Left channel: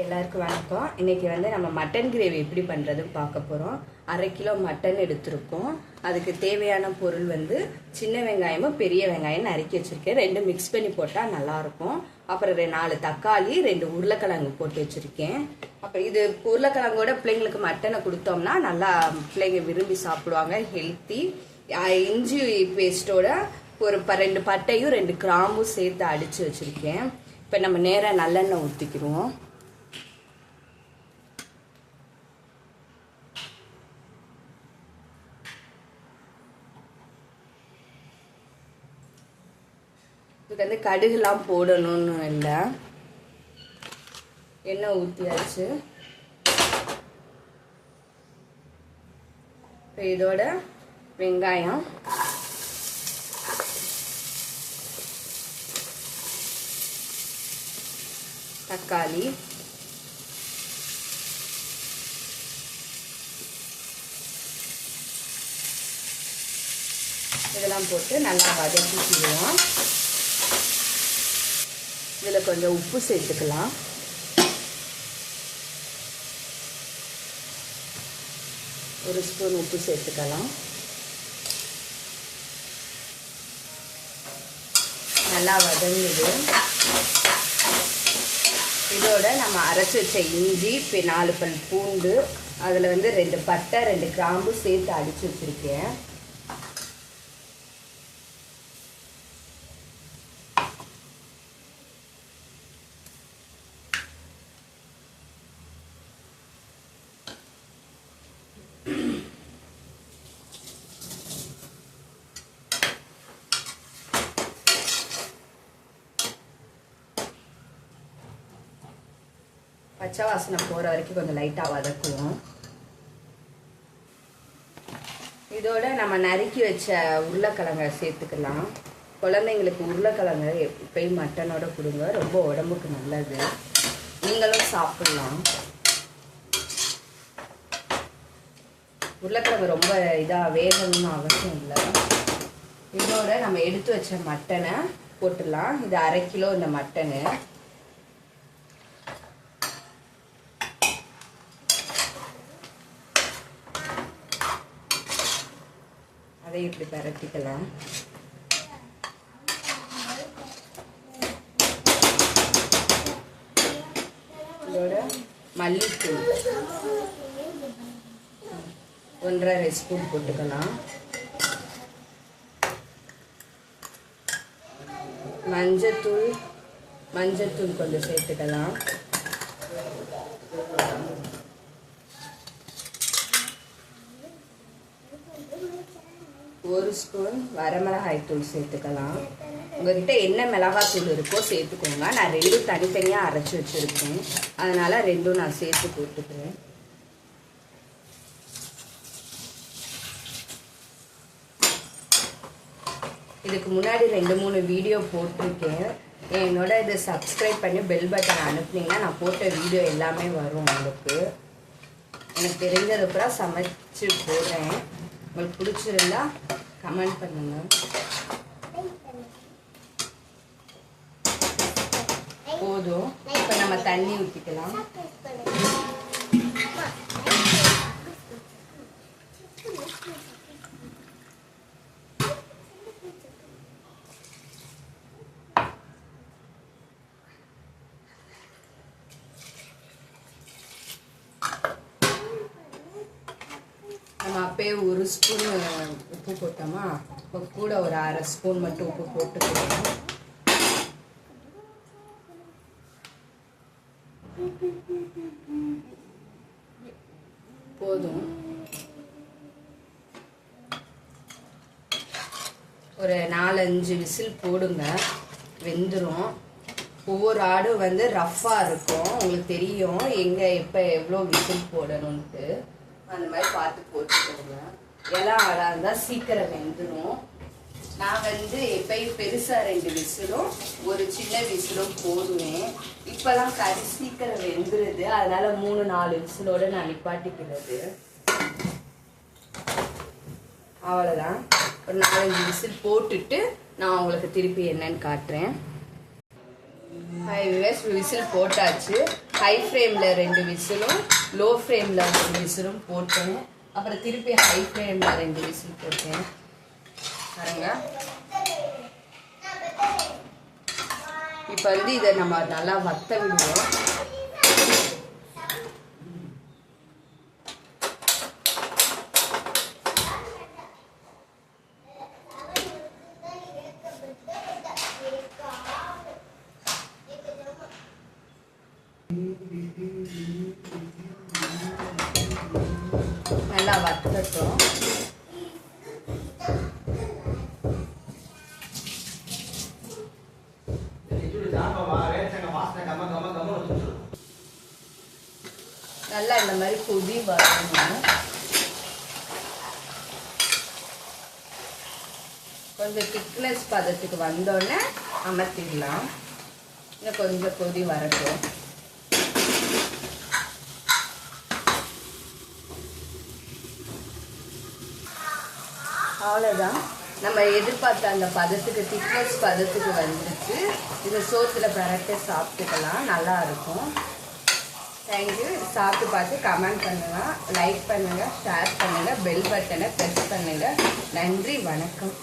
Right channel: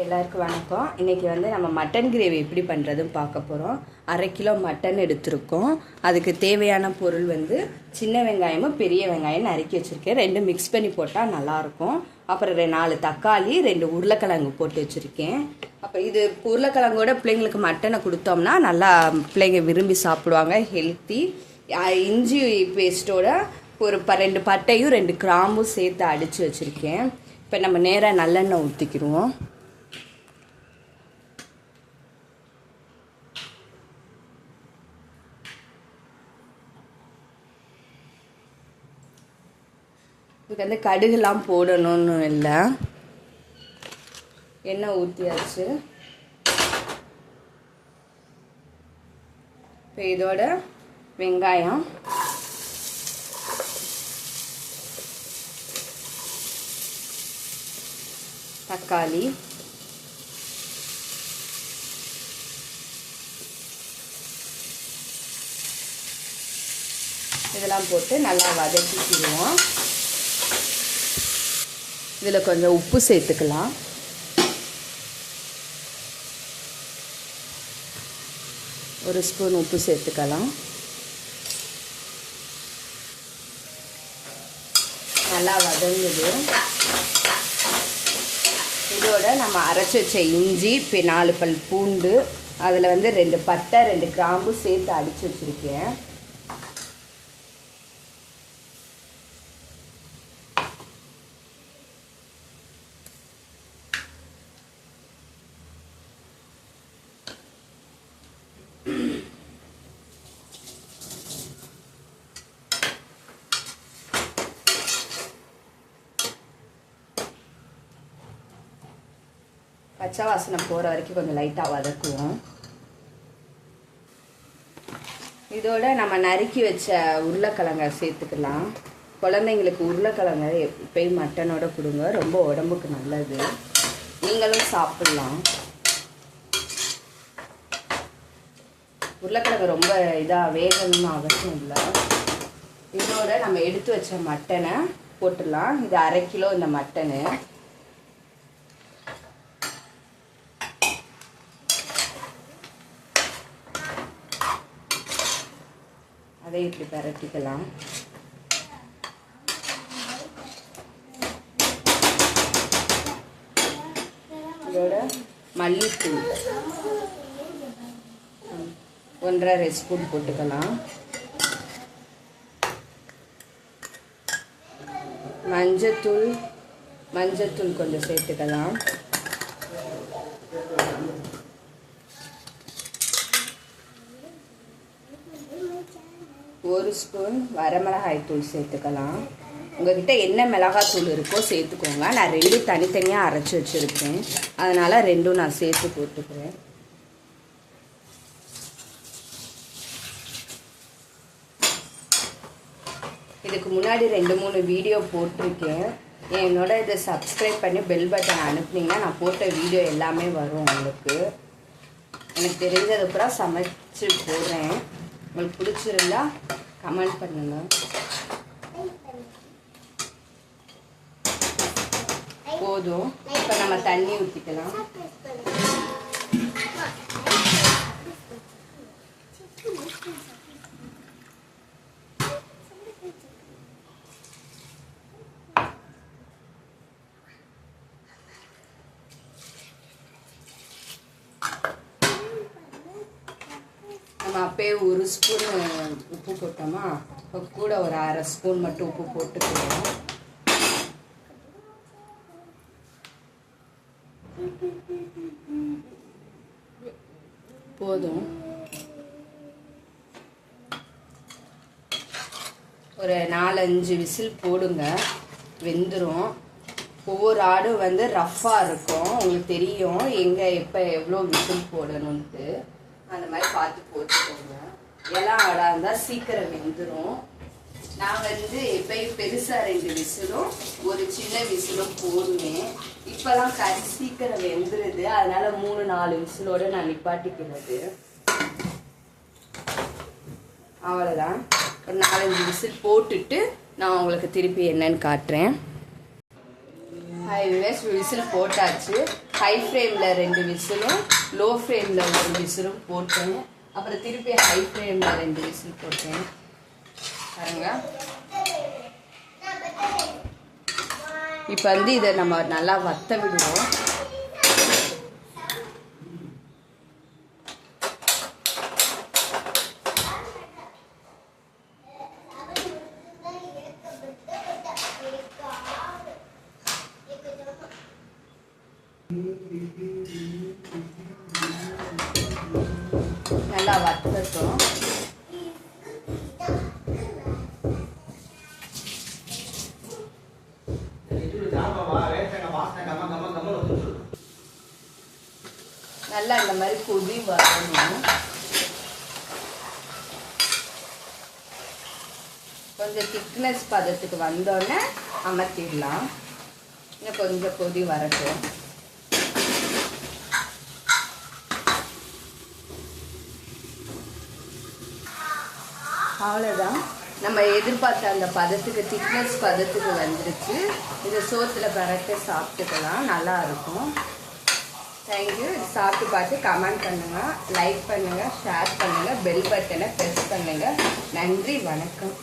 எல்லாருக்கும் வணக்கம். இன்னைக்கு வந்து நம்ம மட்டன் கிரேவி எப்படி பண்ணுறதுன்னு பார்க்க போகிறோம். 1/2 கிலோ மட்டன் எடுத்திருக்கோம். அதுக்கு தேவையான பொருள் வந்து சின்ன வெங்காயமும் பெரிய வெங்காயம் நறுக்கி வச்சுருக்கேன். 2 மிக்ஸ் பண்ணி போட்டால் நல்லாயிருக்கும். அப்புறம் 4 தக்காளி, 2 உருளைக்கிழங்கு போட்டு வச்சுருக்கேன். அப்போ இது உருளைக்கிழங்கோட பிள்ளைங்களுக்கு மட்டனை கொடுத்தோம்னா நல்லா பிள்ளைங்க விரும்பி சாப்பிடுவாங்க, ஹெல்த்தி. இஞ்சி பேஸ்ட்டோட ஒரு 2 பட்டையும் 2 கிராம்பும் சேர்த்து அடித்து வச்சுருக்கேன். இப்போ நம்ம நேராக நல்லெண்ணெய் ஊற்றிக்கிடுவோம். இதுக்கு வந்து கடுகுலாம் போடணும்னு இல்லை, எண்ணெய் ஊற்றியாச்சு. இப்போ இதோட வெங்காயம், தக்காளி, இதெல்லாம் போட்டு நல்லா வதக்கிடுவோம். இதில் கொஞ்சம் உப்பு சேர்த்துக்கலாம். ஒரு ஸ்பூன் உப்பு சேர்த்துக்கலாம். நல்லா வதங்குது. இதோட நம்ம அரைச்சி வச்ச இஞ்சி, 4 பல் பூண்டு, அதில் வந்து 2 பட்டை 2 கிராம்பு சேர்த்து அடித்து வச்சுருக்கேன். பச்சை வாசனை போகிற வரைக்கும் கொஞ்சம் லைட்டாக வதக்குவோம். இதோட நம்ம நறுக்கி வச்ச உருளைக்கிழங்கை சேர்த்துக்கலாம். குழந்தைங்களுக்கு உருளைக்கிழங்கை எப்பயும் மட்டனோட கொடுங்க, ரொம்ப உடம்புக்கு நல்லது. நீங்களும் சாப்பிடலாம். உருளைக்கிழங்கு ரொம்ப இதாக வேகணும்னு அவசியம் இல்லை. இதோட நம்ம எடுத்து வச்ச மட்டனை போட்டுடலாம். இது 1/2 கிலோ இந்த மட்டனு. அதை இப்படி பரட்டிக்கலாம். இதோட மல்லித்தூள் 1.5 ஸ்பூன் போட்டுக்கலாம். மஞ்சத்தூள் கொஞ்சம் சேர்த்துக்கலாம். ஒரு ஸ்பூன் வரமிளகாய் தூள் சேர்த்துக்கலாம். உங்ககிட்ட என்ன மிளகாய் தூள் இருக்கோ சேர்த்துக்கோங்க. நான் 2 தனித்தனியாக அரைச்சி வச்சுருக்கேன், அதனால் 2 நான் சேர்த்து போட்டுக்கிறேன். இதுக்கு முன்னாடி 2-3 வீடியோ போட்டிருக்கேன். என்னோட இதை சப்ஸ்கிரைப் பண்ணி பெல் பட்டன் அனுப்புனீங்கன்னா நான் போட்ட வீடியோ எல்லாமே வரும் உங்களுக்கு. எனக்கு தெரிஞ்சது கூட சமைச்சு போடுறேன். உங்களுக்கு பிடிச்சிருந்தா கமெண்ட் பண்ணுங்க. போதும். இப்போ நம்ம தண்ணி ஊற்றிக்கலாம். நம்ம அப்பயே 1 ஸ்பூன் உப்பு போட்டோமா, இப்போ கூட ஒரு 1/2 ஸ்பூன் மட்டும் உப்பு போட்டுக்கலாம். போதும். ஒரு 4-5 விசில் போடுங்க, வெந்துடும். ஒவ்வொரு ஆடும் வந்து ரஃப்பாக இருக்கும், உங்களுக்கு தெரியும் எங்கே எப்போ எவ்வளோ விசில் போடணுன்ட்டு. அந்த மாதிரி பார்த்து போட்டுக்கோங்க. எல்லாம் ஆடாக இருந்தால் சீக்கிரம் வெந்துடும். நான் வந்து எப்பயும் பெருசாக 2 விசிலும் ஒரு சின்ன விசிலும் போடுவேன். இப்போலாம் கறி சீக்கிரம் வெந்துடுது, அதனால 3-4 விசிலோடு நான் நிப்பாட்டிக்கிறது. அவ்வளோதான். ஒரு 4-5 விசில் போட்டுட்டு நான் உங்களுக்கு திருப்பி என்னன்னு காட்டுறேன். விசில் போட்டாச்சு. ஹை ஃப்ளேமில் 2 விசிலும் லோ ஃப்ளேமில் 1 விசிலும் போட்டேன். அப்புறம் திருப்பி ஹை ஃப்ளேமில் 2 விசில் போட்டேன். பாருங்க. இப்போ வந்து இதை நம்ம நல்லா வத்த விடுவோம். நல்லா வத்தட்டும். நல்லா இந்த மாதிரி கொதி வரணும். கொஞ்சம் திக்னஸ் பதத்துக்கு வந்தோடனே அமர்த்திடலாம். இன்னும் கொஞ்சம் கொதி வரட்டும். அவ்வளோதான். நம்ம எதிர்பார்த்த அந்த பதத்துக்கு திக்னஸ் பதத்துக்கு வந்துச்சு. இதை சோத்தில் பரட்ட சாப்பிட்டுக்கலாம். நல்லா இருக்கும். தேங்க்யூ. சாப்பிட்டு பார்த்து கமெண்ட் பண்ணுங்கள், லைக் பண்ணுங்கள், ஷேர் பண்ணுங்கள், பெல் பட்டனை ப்ரெஸ் பண்ணுங்கள். நன்றி, வணக்கம்.